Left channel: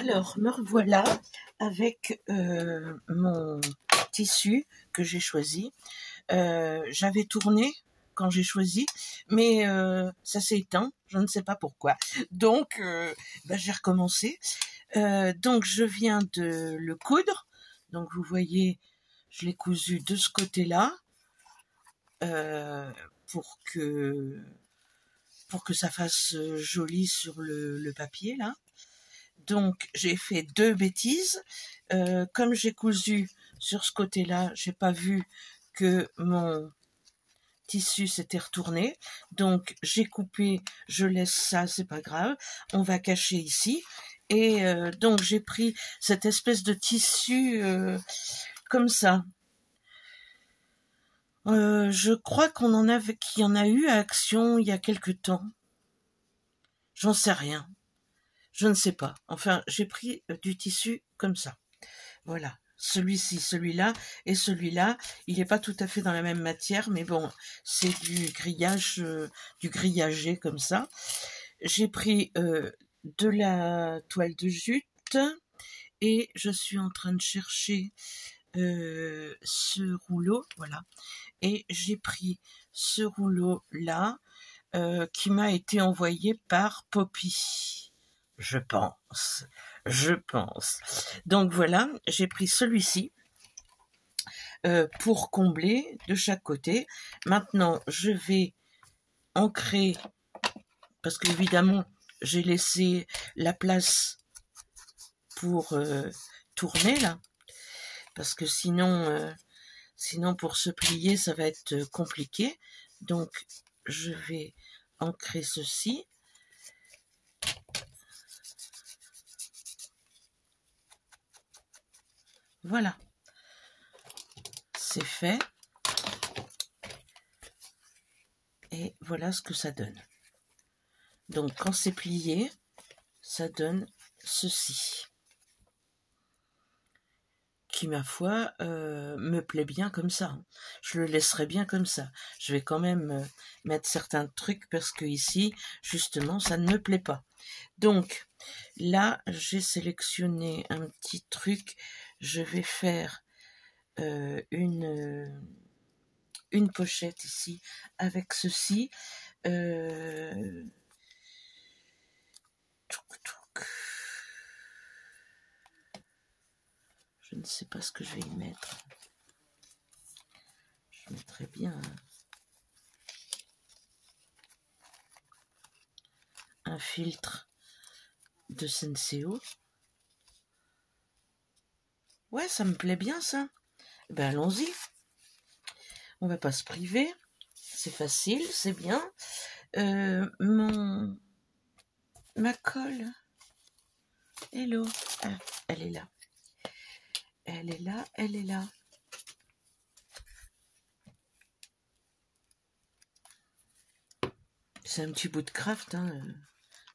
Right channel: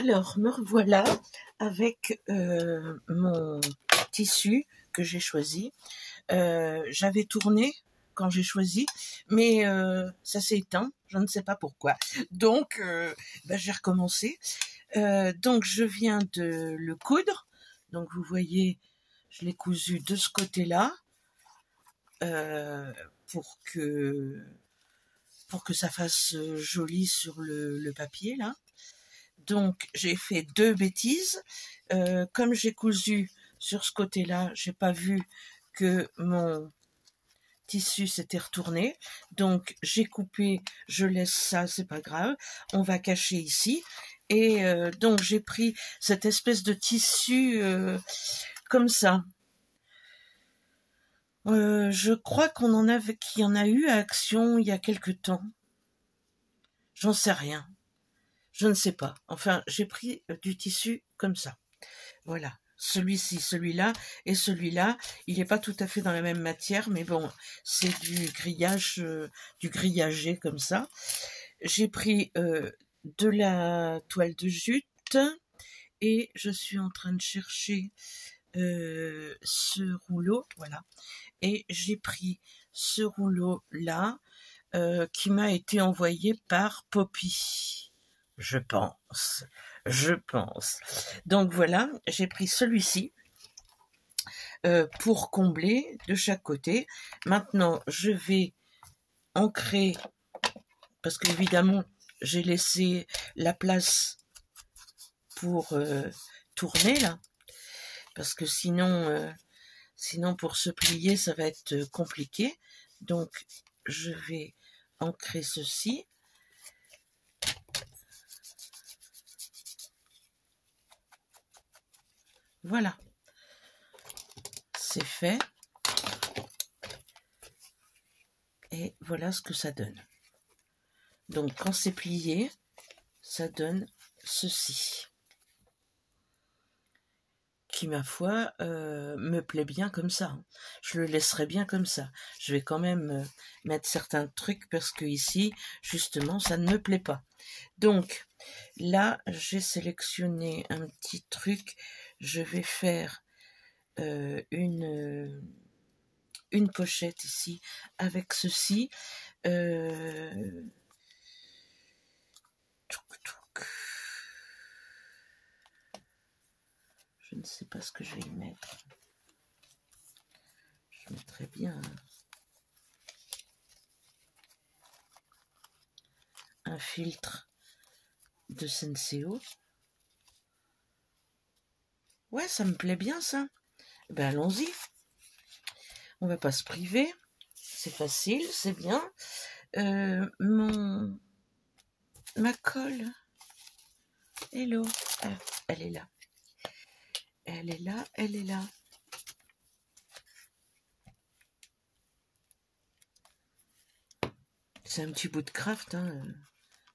Alors, me revoilà avec mon tissu que j'ai choisi. J'avais tourné quand j'ai choisi, mais ça s'est éteint, je ne sais pas pourquoi. Donc, j'ai recommencé. Donc, je viens de le coudre. Donc, vous voyez, je l'ai cousu de ce côté-là pour que ça fasse joli sur le papier, là. Donc, j'ai fait 2 bêtises. Comme j'ai cousu sur ce côté-là, j'ai pas vu que mon tissu s'était retourné. Donc, j'ai coupé, je laisse ça, c'est pas grave. On va cacher ici. Et donc, j'ai pris cette espèce de tissu comme ça. Je crois qu'il y en a eu à Action il y a quelque temps. J'en sais rien. Je ne sais pas. Enfin, j'ai pris du tissu comme ça. Voilà. Celui-ci, celui-là et celui-là. Il n'est pas tout à fait dans la même matière, mais bon, c'est du grillage, du grillagé comme ça. J'ai pris de la toile de jute et je suis en train de chercher ce rouleau. Voilà. Et j'ai pris ce rouleau-là qui m'a été envoyé par Poppy. Je pense. Donc voilà, j'ai pris celui-ci pour combler de chaque côté. Maintenant, je vais ancrer, parce qu'évidemment, j'ai laissé la place pour tourner là, parce que sinon pour se plier, ça va être compliqué. Donc, je vais ancrer ceci. Voilà, c'est fait. Et voilà ce que ça donne. Donc, quand c'est plié, ça donne ceci. Qui, ma foi, me plaît bien comme ça. Je le laisserai bien comme ça. Je vais quand même mettre certains trucs parce que ici, justement, ça ne me plaît pas. Donc, là, j'ai sélectionné un petit truc. Je vais faire une pochette ici avec ceci. Je ne sais pas ce que je vais y mettre. Je mettrai bien un filtre de Senseo. Ouais, ça me plaît bien ça. Ben allons-y. On va pas se priver. C'est facile, c'est bien. Ma colle. Hello. Ah, elle est là. Elle est là, elle est là. C'est un petit bout de craft, hein.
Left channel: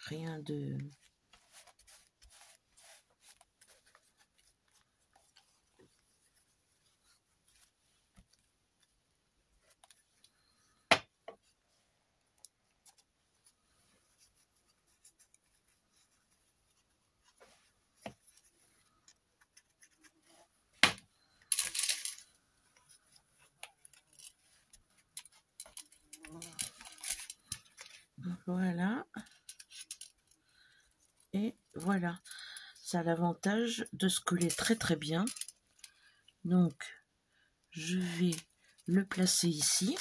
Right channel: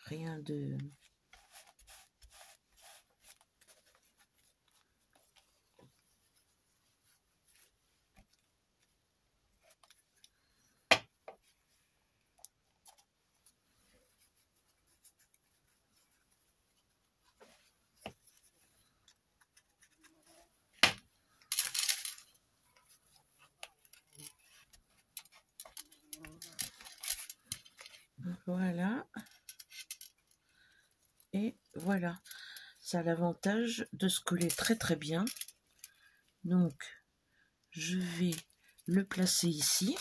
Rien de... Voilà. Et voilà. Ça a l'avantage de se coller très très bien. Donc, je vais le placer ici.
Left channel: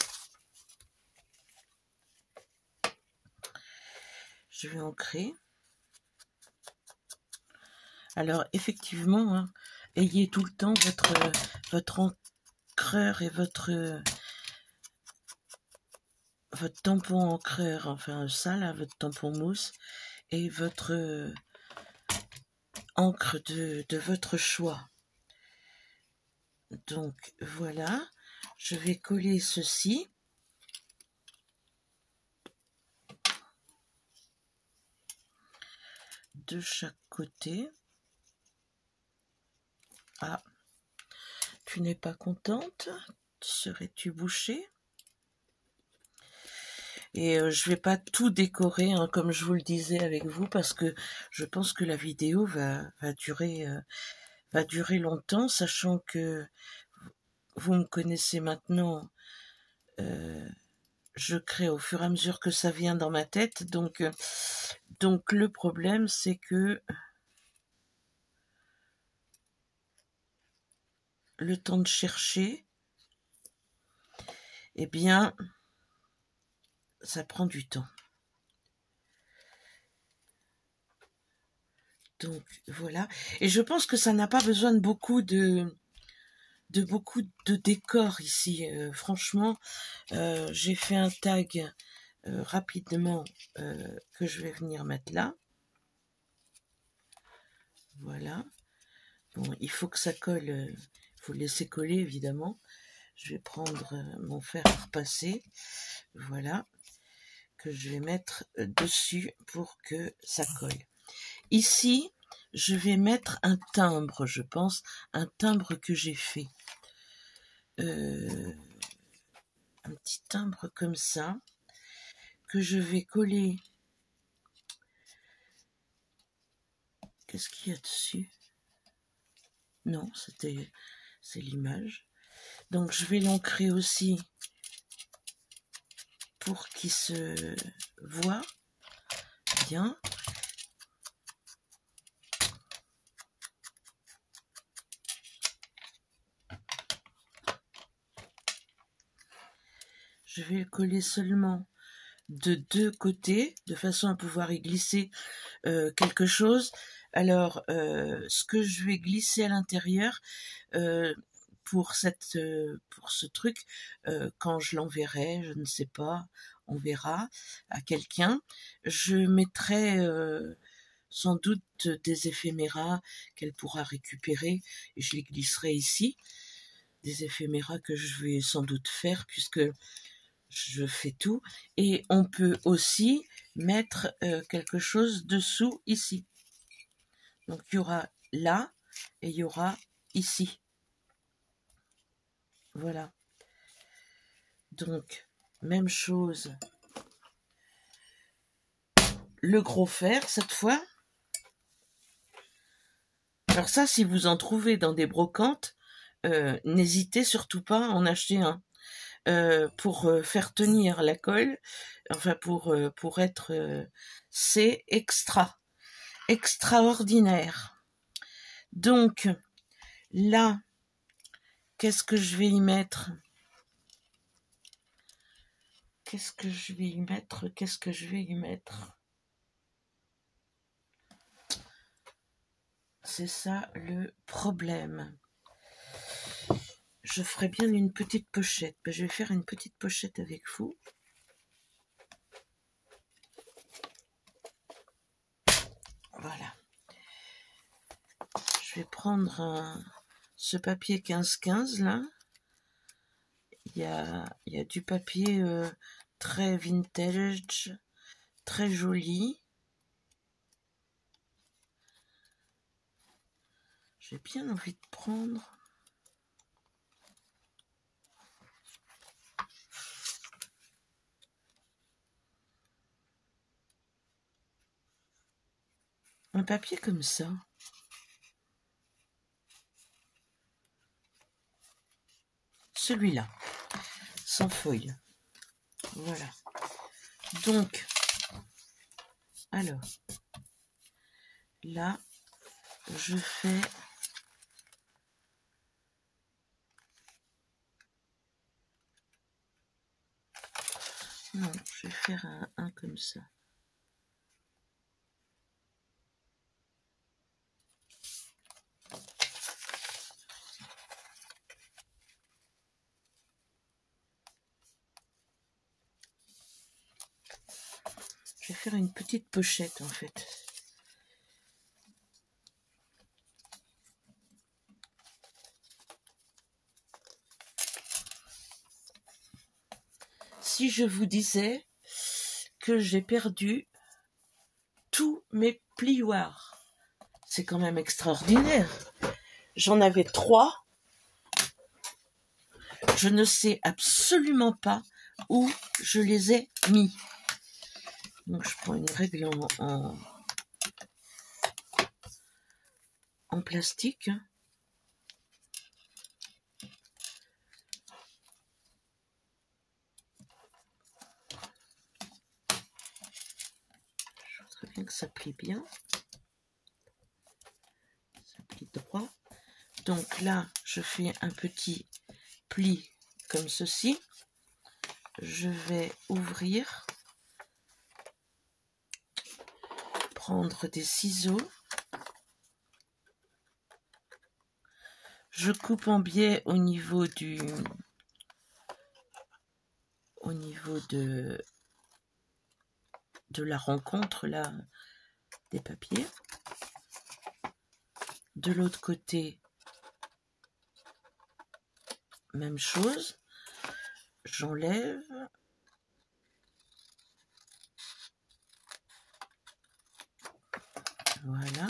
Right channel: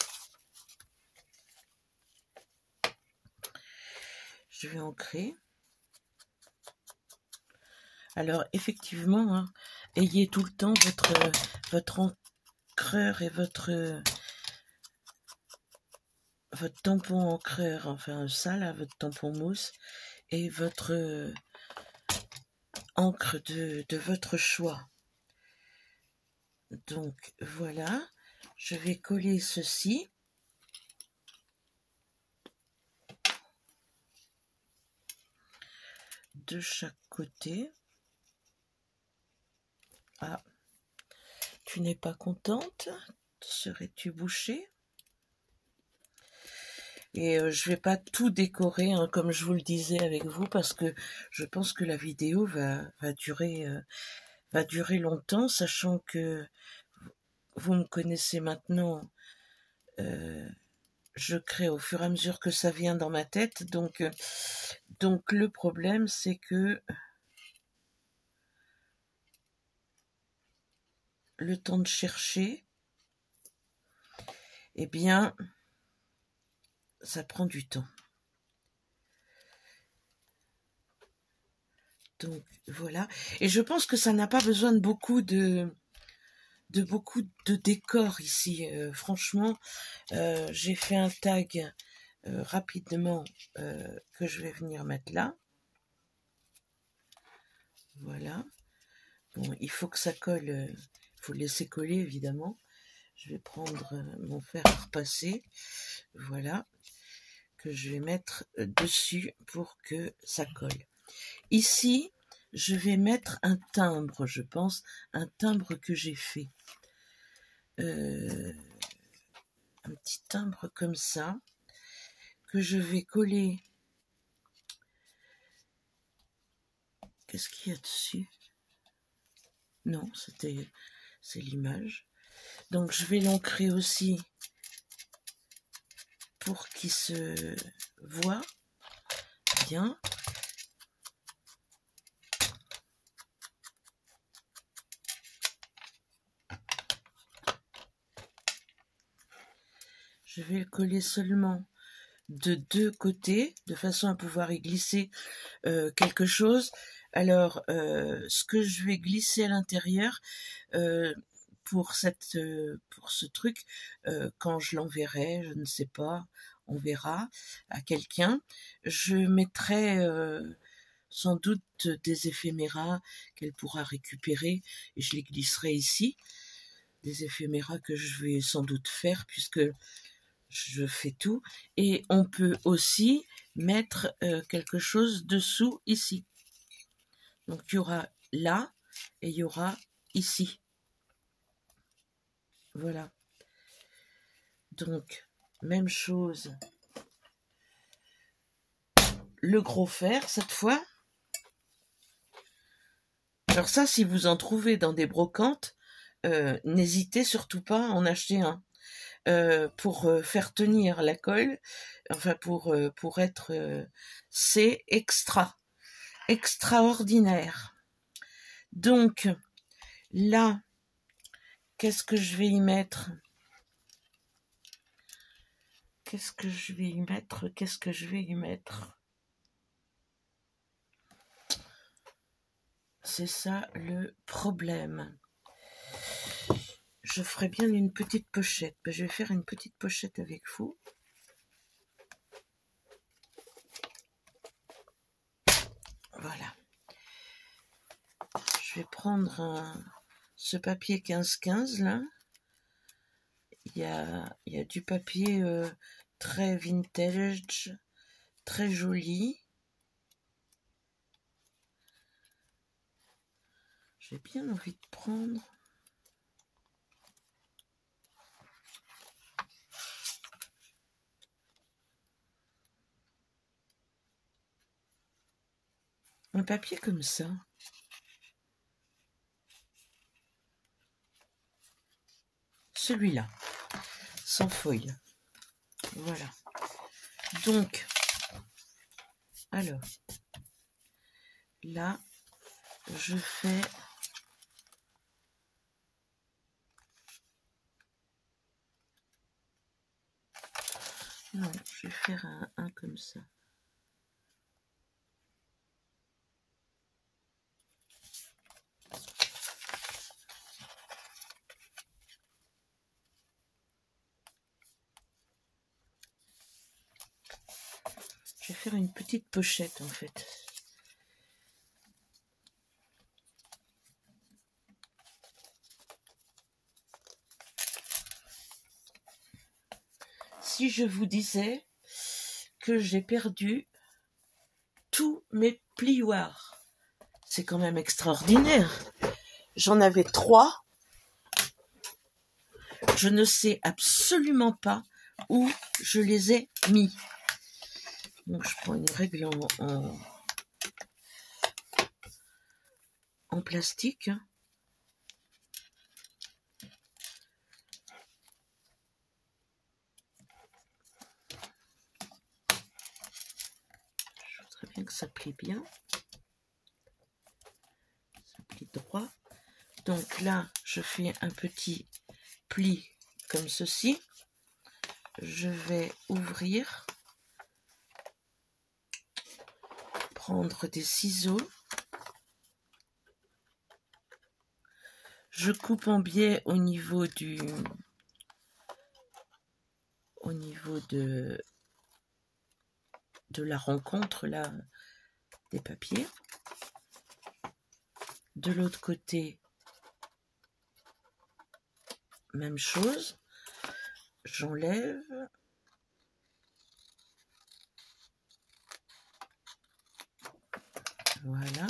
Je vais ancrer. Alors, effectivement, hein, ayez tout le temps votre encreur et votre tampon encreur, enfin ça là, votre tampon mousse et votre encre de votre choix. Donc voilà, je vais coller ceci. De chaque côté. Ah, tu n'es pas contente? Serais-tu bouchée? Et je vais pas tout décorer, hein, comme je vous le disais avec vous, parce que je pense que la vidéo va durer longtemps, sachant que vous me connaissez maintenant. Je crée au fur et à mesure que ça vient dans ma tête, donc le problème c'est que le temps de chercher, eh bien, ça prend du temps. Donc voilà, et je pense que ça n'a pas besoin de beaucoup de décors ici. Franchement, j'ai fait un tag rapidement que je vais venir mettre là. Voilà. Bon, il faut que ça colle, il faut le laisser coller évidemment. Je vais prendre mon fer à repasser, voilà, que je vais mettre dessus pour que ça colle. Ici, je vais mettre un timbre, je pense, un timbre que j'ai fait. Un petit timbre comme ça, que je vais coller. Qu'est-ce qu'il y a dessus? Non, c'est l'image. Donc je vais l'ancrer aussi pour qu'il se voit bien. Je vais le coller seulement de deux côtés, de façon à pouvoir y glisser quelque chose. Alors, ce que je vais glisser à l'intérieur, pour ce truc, quand je l'enverrai, je ne sais pas, on verra, à quelqu'un, je mettrai sans doute des éphéméras qu'elle pourra récupérer, et je les glisserai ici, des éphéméras que je vais sans doute faire, puisque je fais tout, et on peut aussi mettre quelque chose dessous ici. Donc il y aura là et il y aura ici. Voilà. Donc même chose. Le gros fer cette fois. Alors ça, si vous en trouvez dans des brocantes, n'hésitez surtout pas à en acheter un. Pour faire tenir la colle, enfin pour être, c'est extraordinaire. Donc là, qu'est-ce que je vais y mettre? Qu'est-ce que je vais y mettre? C'est ça le problème. Je ferai bien une petite pochette. Je vais faire une petite pochette avec vous. Voilà. Je vais prendre ce papier 15-15 là. Il y a du papier très vintage, très joli. J'ai bien envie de prendre un papier comme ça. Celui-là, sans feuille. Voilà. Donc, alors, là, je fais... Non, je vais faire un comme ça. Je vais faire une petite pochette en fait. Si je vous disais que j'ai perdu tous mes plioirs, c'est quand même extraordinaire. J'en avais 3. Je ne sais absolument pas où je les ai mis. Donc je prends une règle en plastique. Je voudrais bien que ça plie bien. Ça plie droit. Donc là, je fais un petit pli comme ceci. Je vais ouvrir, prendre des ciseaux. Je coupe en biais au niveau de la rencontre là des papiers. De l'autre côté, même chose. J'enlève. Voilà.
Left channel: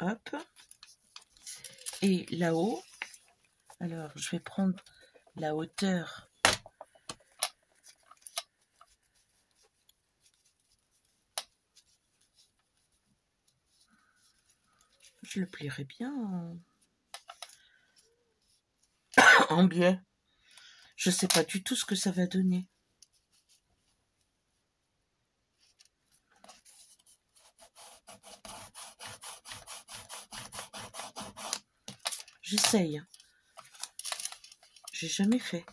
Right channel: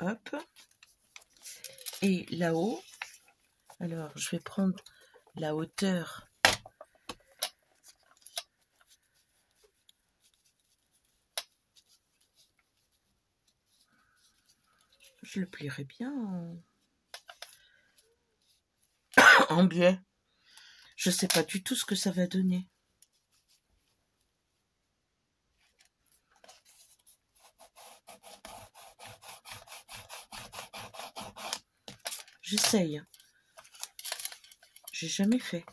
Hop. Et là-haut, alors je vais prendre la hauteur. Je le plierai bien en biais. Je sais pas du tout ce que ça va donner. J'essaye. J'ai jamais fait.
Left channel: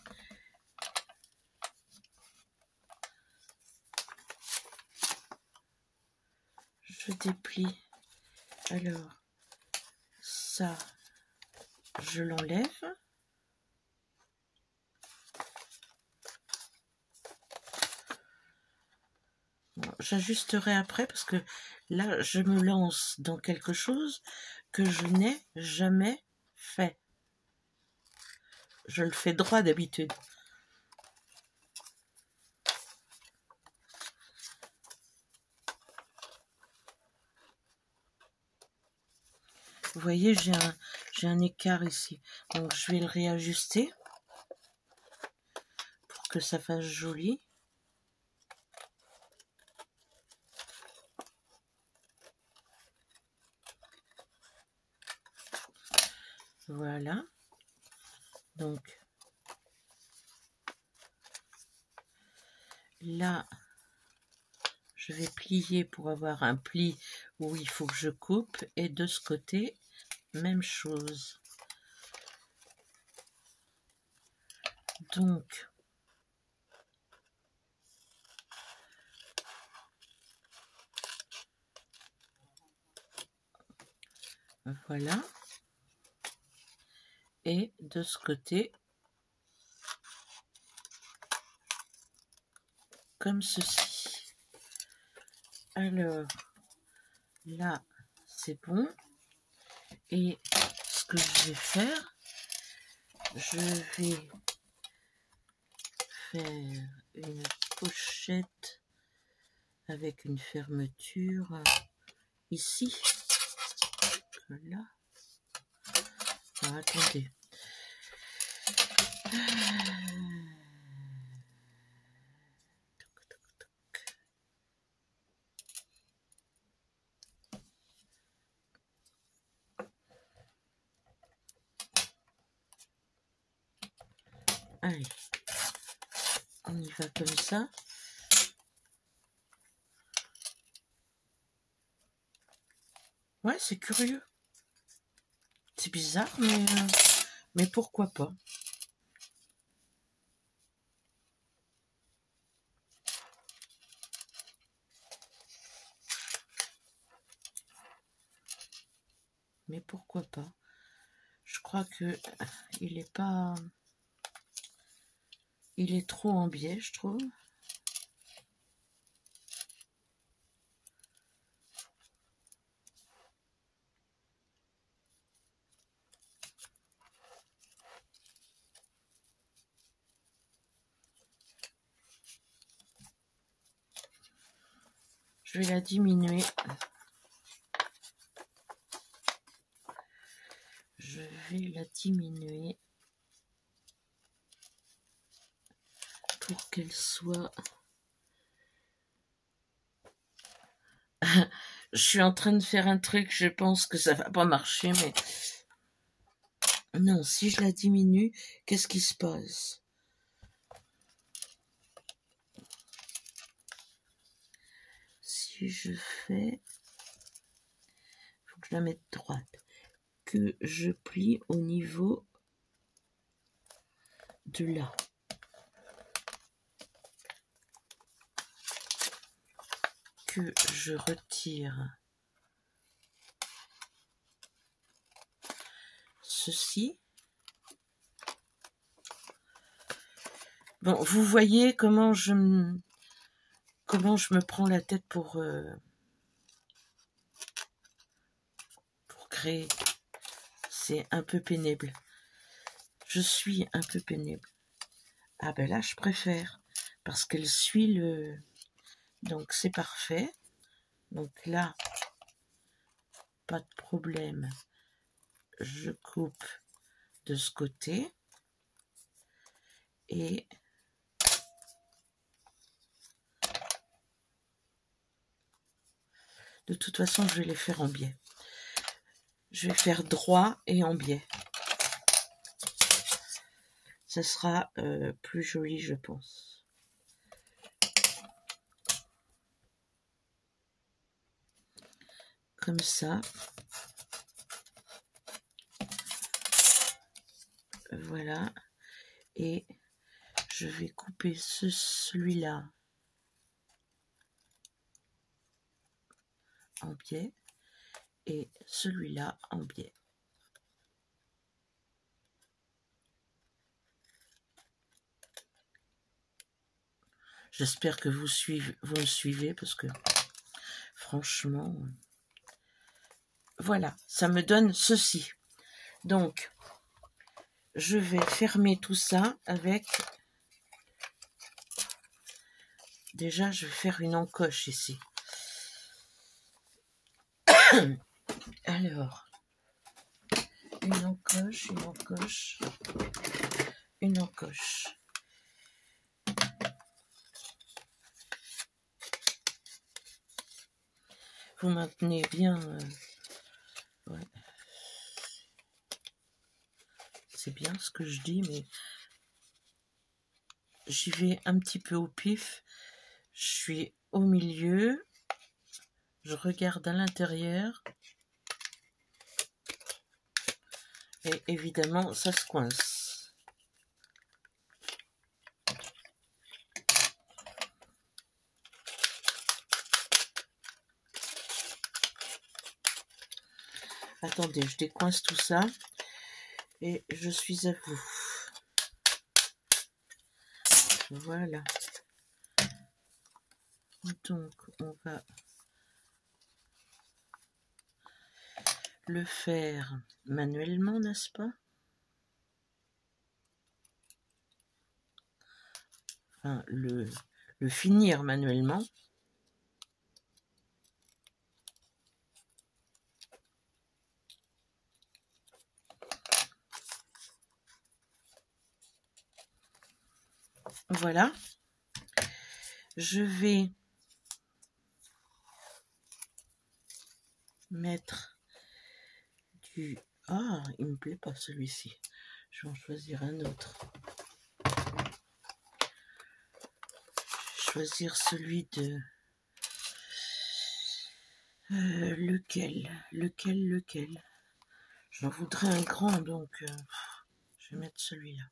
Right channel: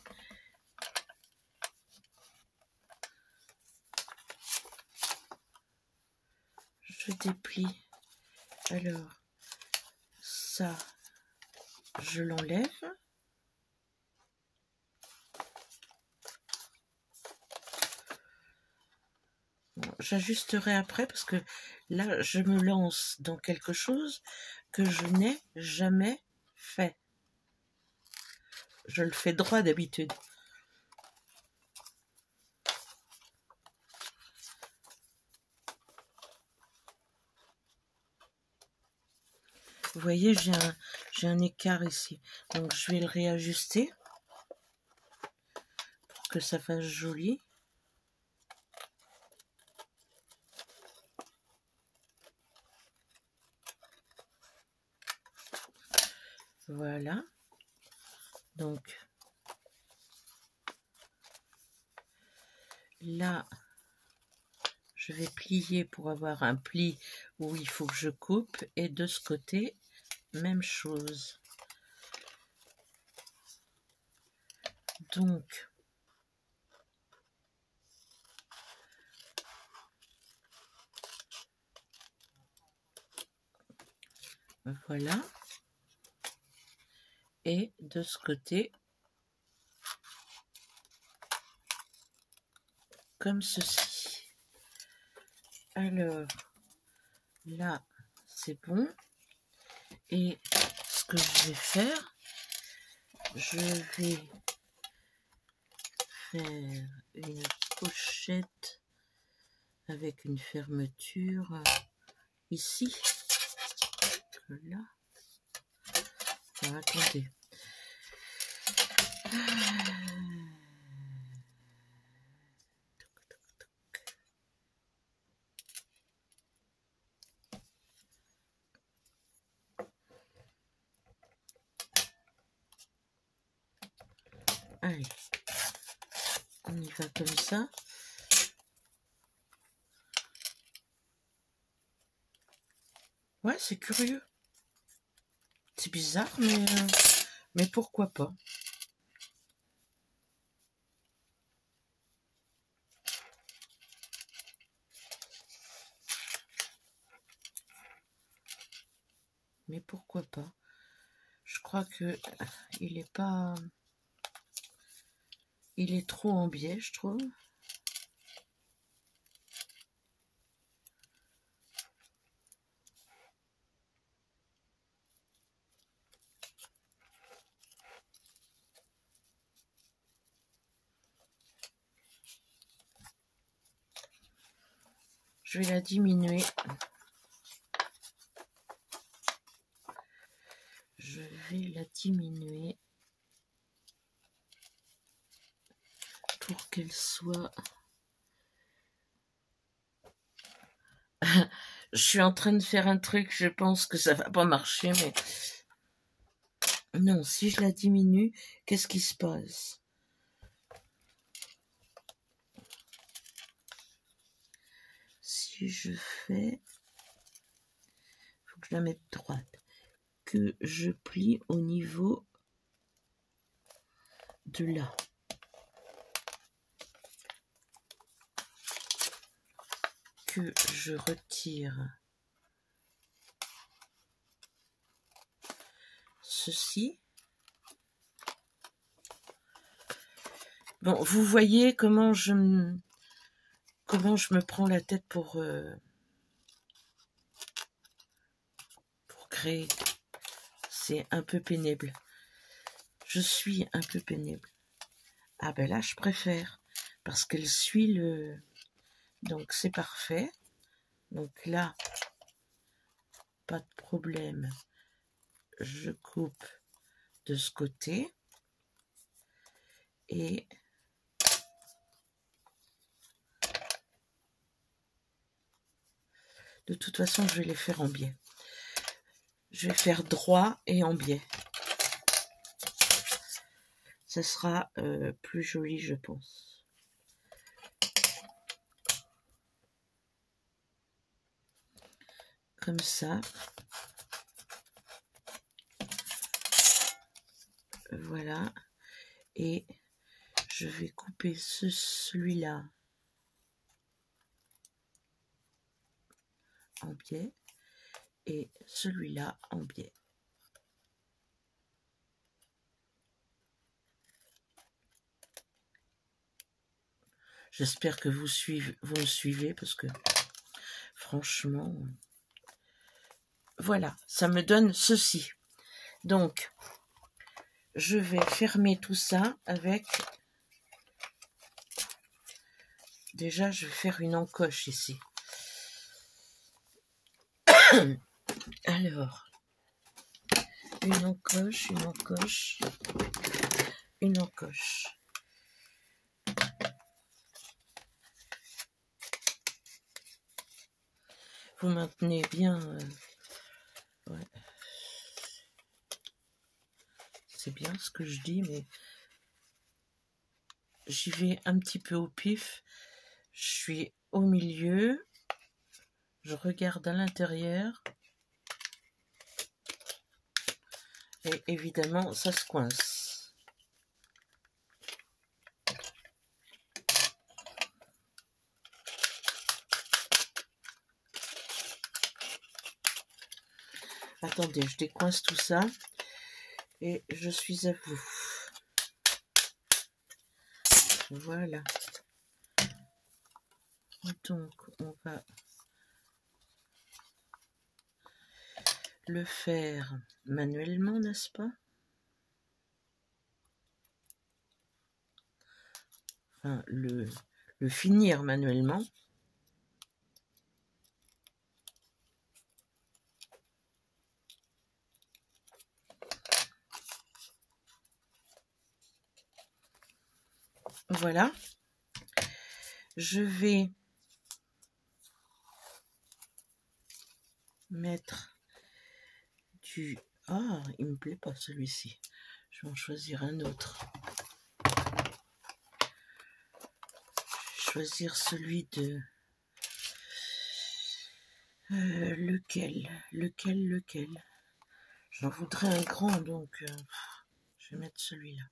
Je déplie. Alors, ça, je l'enlève. Bon, j'ajusterai après parce que là, je me lance dans quelque chose que je n'ai jamais fait. Je le fais droit d'habitude. Vous voyez, j'ai un écart ici. Donc, je vais le réajuster pour que ça fasse joli. Voilà. Donc, là, je vais plier pour avoir un pli où il faut que je coupe. Et de ce côté, même chose. Donc, voilà. Et de ce côté, comme ceci. Alors, là, c'est bon. Et ce que je vais faire, je vais faire une pochette avec une fermeture ici. Là. Alors, attendez. Allez, on y va comme ça. Ouais, c'est curieux. C'est bizarre, mais pourquoi pas. Mais pourquoi pas. Je crois que il est pas... Il est trop en biais, je trouve. Je vais la diminuer. Je vais la diminuer pour qu'elle soit suis en train de faire un truc, je pense que ça va pas marcher, mais... Non, si je la diminue, qu'est-ce qui se passe? Si je fais... Faut que je la mette droite. Que je plie au niveau de là. Que je retire ceci. Bon, vous voyez comment je me prends la tête pour créer. C'est un peu pénible. Je suis un peu pénible. Ah ben là, je préfère. Parce qu'elle suit le... Donc, c'est parfait. Donc là, pas de problème. Je coupe de ce côté. Et... De toute façon, je vais les faire en biais. Je vais faire droit et en biais. Ça sera plus joli, je pense. Comme ça. Voilà. Et je vais couper celui-là en biais et celui-là en biais. J'espère que vous me suivez parce que franchement, voilà, ça me donne ceci. Donc, je vais fermer tout ça avec... Déjà, je vais faire une encoche ici. Alors, une encoche, une encoche, une encoche. Vous maintenez bien... ouais. C'est bien ce que je dis, mais j'y vais un petit peu au pif. Je suis au milieu. Je regarde à l'intérieur. Et évidemment, ça se coince. Attendez, je décoince tout ça. Et je suis à vous. Voilà. Donc, on va le faire manuellement, n'est-ce pas? Enfin, le finir manuellement. Voilà. Je vais mettre du... Ah, il me plaît pas celui-ci. Je vais en choisir un autre. Choisir celui de... lequel? J'en voudrais un grand, donc je vais mettre celui-là.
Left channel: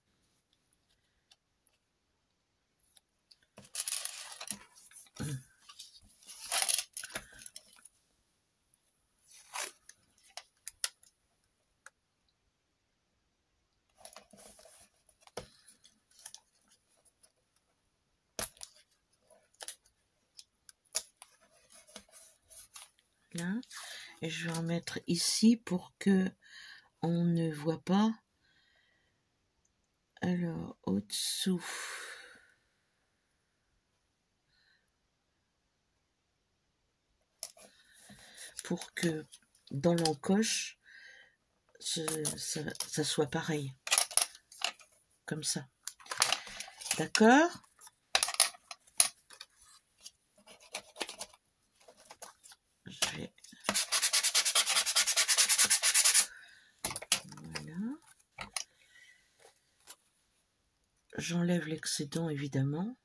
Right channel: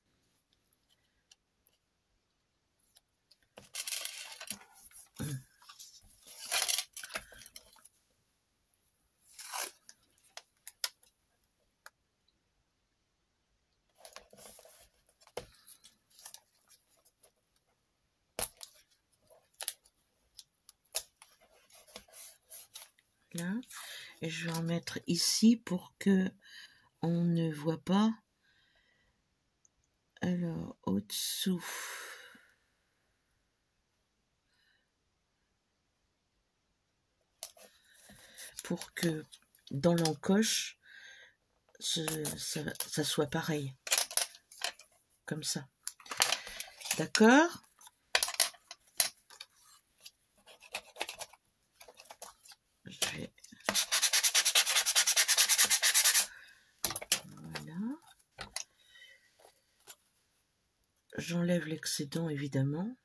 Là. Et je vais en mettre ici pour que on ne voit pas. Alors, au-dessous. Pour que dans l'encoche, ça soit pareil. Comme ça. D'accord? Je vais J'enlève l'excédent évidemment.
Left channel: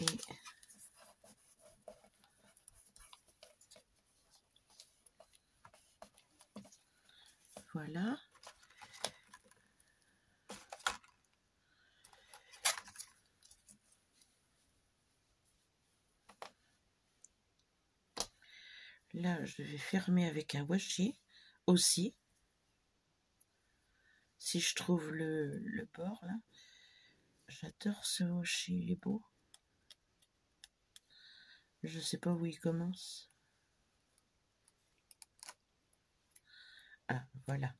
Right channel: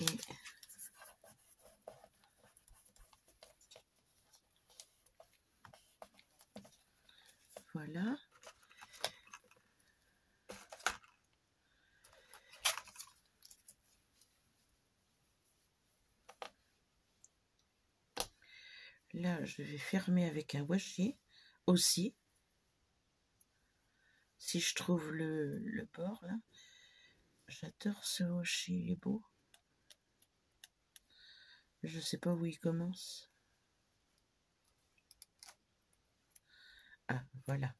Et voilà. Là, je vais fermer avec un washi aussi. Si je trouve le bord là. J'adore ce washi, il est beau. Je sais pas où il commence. Ah, voilà.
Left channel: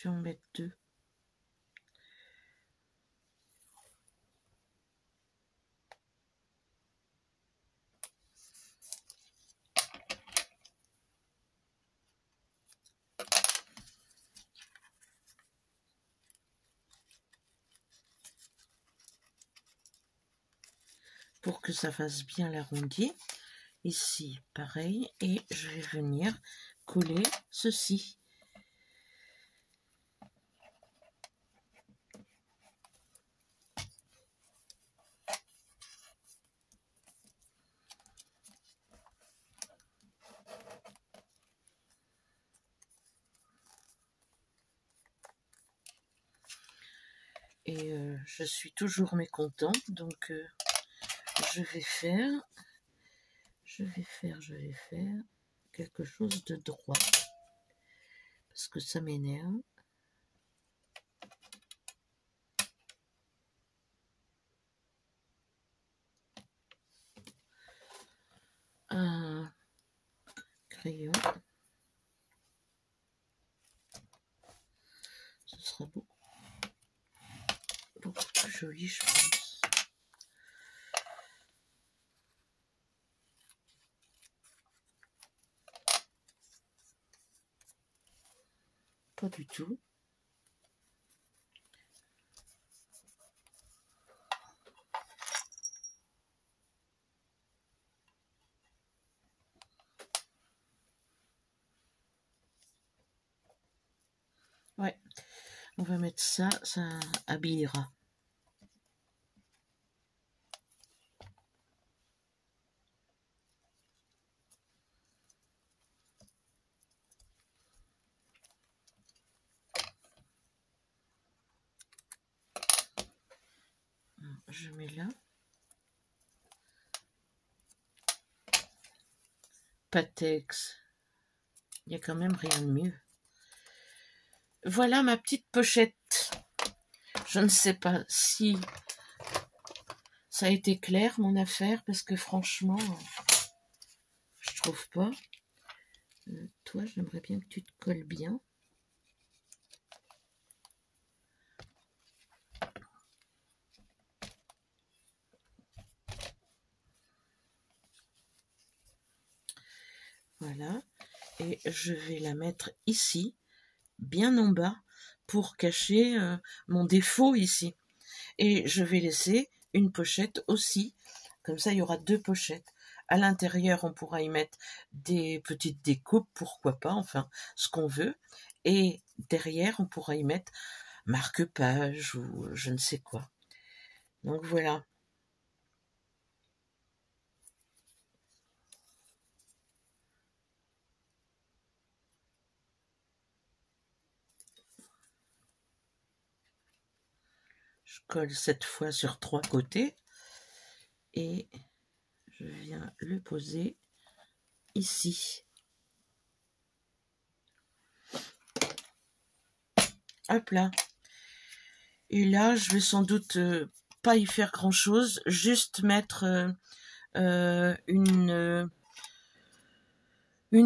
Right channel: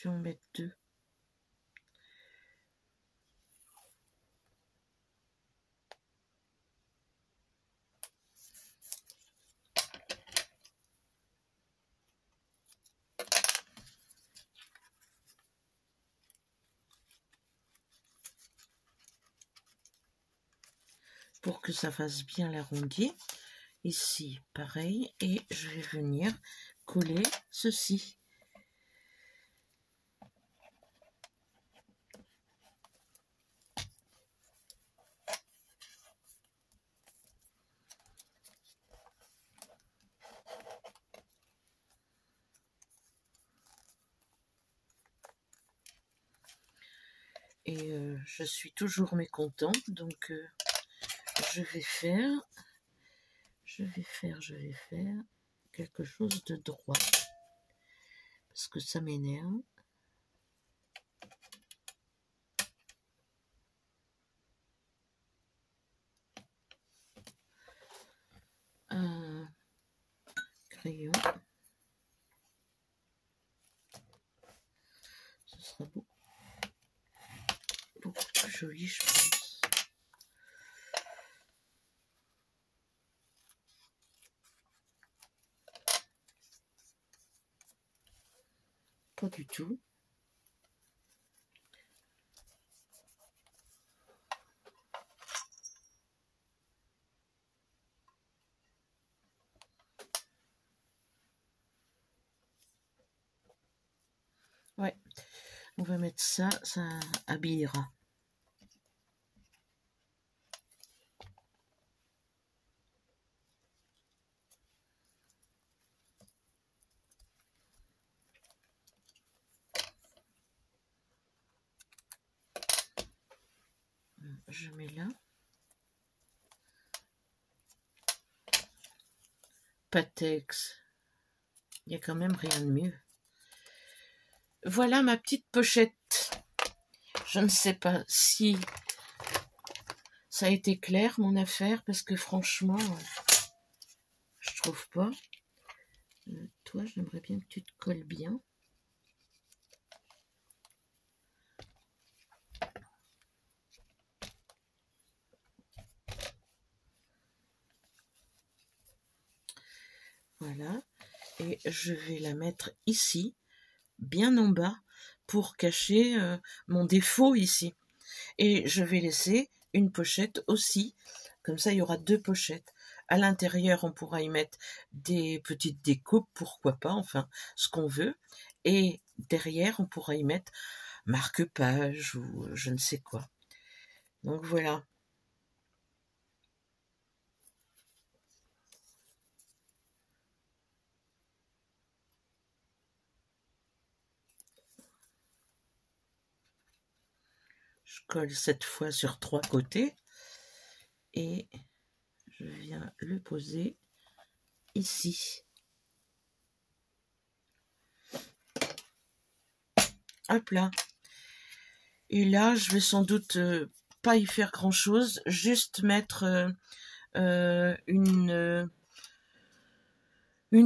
Je vais en mettre deux. Pour que ça fasse bien l'arrondi. Ici, pareil. Et je vais venir coller ceci. Et je suis toujours mécontente, donc je vais faire quelque chose de droit. Parce que ça m'énerve. Un crayon. Ce sera beaucoup plus joli, je pense. Pas du tout. Ouais, on va mettre ça, ça habillera. Je mets là. Patex. Il n'y a quand même rien de mieux. Voilà ma petite pochette. Je ne sais pas si ça a été clair mon affaire, parce que franchement, je trouve pas. Toi, j'aimerais bien que tu te colles bien. Voilà. Et je vais la mettre ici, bien en bas, pour cacher mon défaut ici. Et je vais laisser une pochette aussi. Comme ça, il y aura deux pochettes. À l'intérieur, on pourra y mettre des petites découpes, pourquoi pas, enfin, ce qu'on veut. Et derrière, on pourra y mettre marque-page ou je ne sais quoi. Donc voilà. Je colle cette fois sur 3 côtés et je viens le poser ici. Hop là. Et là, je vais sans doute pas y faire grand chose, juste mettre une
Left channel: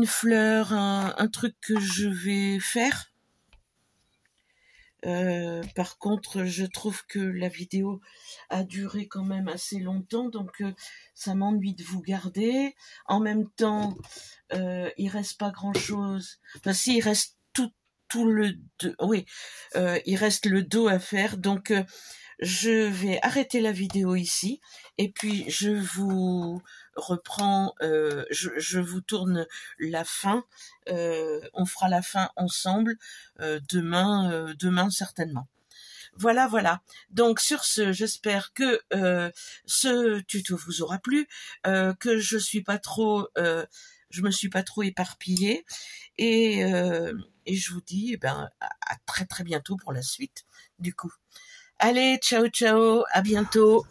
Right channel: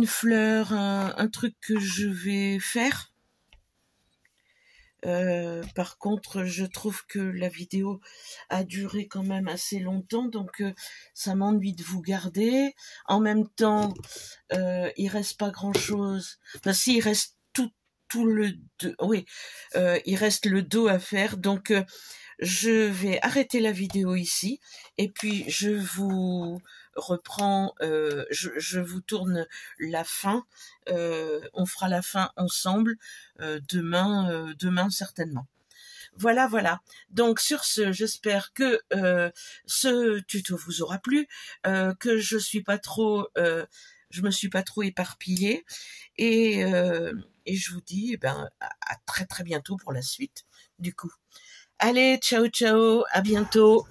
fleur, un truc que je vais faire. Par contre, je trouve que la vidéo a duré quand même assez longtemps, donc ça m'ennuie de vous garder. En même temps, il reste pas grand chose. Enfin, si, il reste tout le dos. Oui, il reste le dos à faire. Donc, je vais arrêter la vidéo ici et puis je vous reprends. Je vous tourne la fin. On fera la fin ensemble demain certainement. Voilà. Donc sur ce, j'espère que ce tuto vous aura plu, que je me suis pas trop éparpillée et je vous dis à très très bientôt pour la suite du coup. Allez, ciao, à bientôt.